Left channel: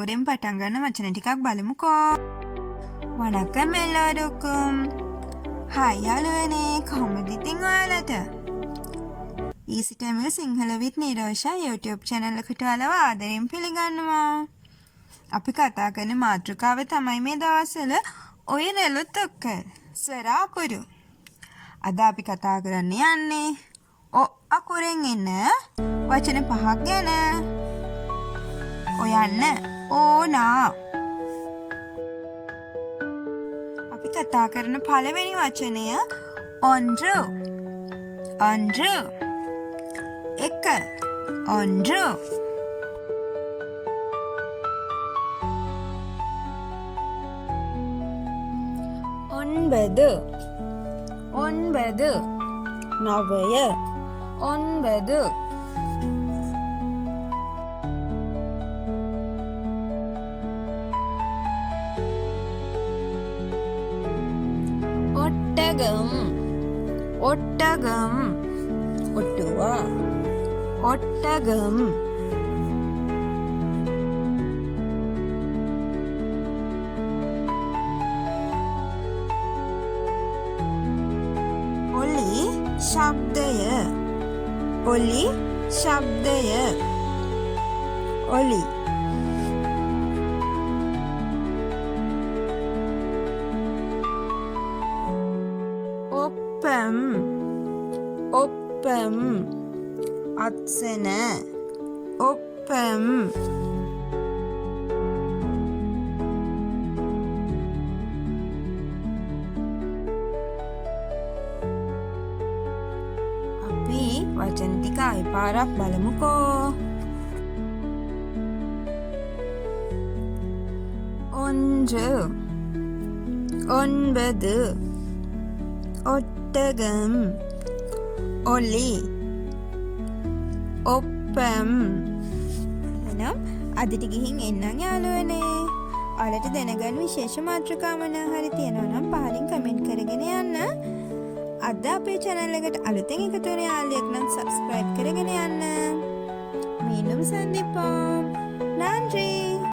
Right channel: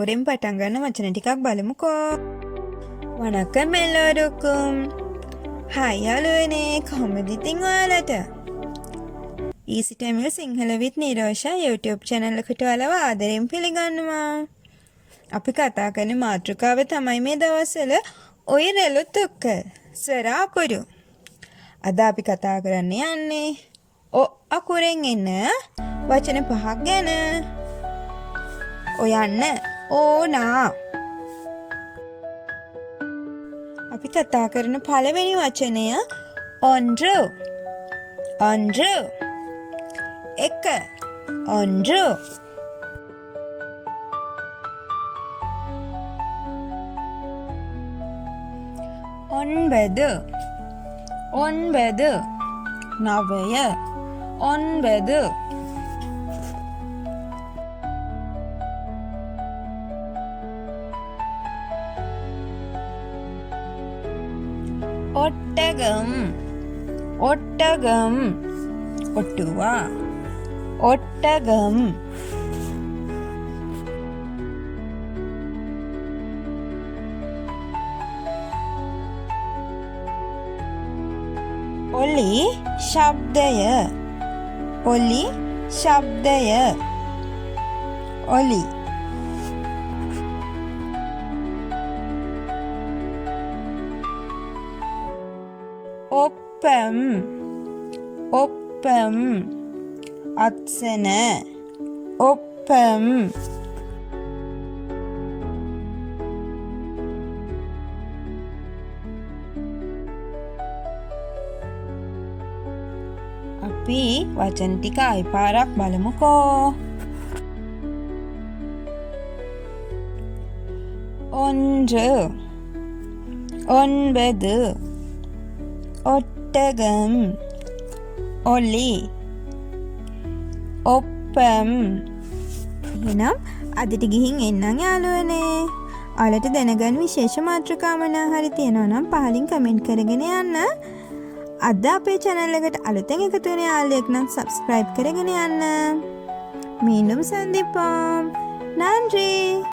අකුරෙන් පටන් ගන්න වචන ටිකක් බලමුකෝ. වණක්කම් එල්ලෝරුකුම්. හයි යාළුවනේ, කොහොමද ඉතින් ඔයාලට? Easy Tamil Sinhala with Nirosha YouTube channel එකට ඔයාලව ආදරෙන් පිළිගන්නවා. අපි කතා කරන මාතෘකාව තමයි මේ දවස්වල ඔය රැළොත් ඔක්ක ස්වර අකුරු. අද අපි කතා කරන්න යන්නේ ඔ අකුරෙන් එන වචන 5ක් ගැන. ඔයන්න ඕනා. අපි කතා කරන පළවෙනි වචනය ඔන්ඩ්‍රු. ඔන්ඩ්‍රු. එක ඔන්ඩ්‍රු. ඔන්බෙදු. ඔන්බෙදු. නවය. ඔන්බෙදු. ஒட்டகம். ஒட்டகம். ஒட்டுவா. ஒட்டகம். ஒலி ශබ්දය. ஒலி ශබ්දය. ஒலி. ඔප්පම්. ඔප්පම්. අත්සන. ඔප්පම්. අපි වචන ටික ආයි පාරක් බලමුකෝ. ஒன்று. ஒன்பது. ஒட்டகம். ஒலி. ඔප්පම්. එහෙනම් අදට ගිහින් එන්නම් යාළුවනේ. ඔයාලට දැනගන්න විශේෂ මාතෘකා මොනවා හරි තියෙනවා නම් පහලින් කමෙන්ට් කරගෙන යන්න. අද අපේ channel එකට අලුතෙන් එකතු වෙන යාළුවෙක් නම් subscribe කරගෙන යන්න. மீண்டும் சந்திப்போம். நன்றி.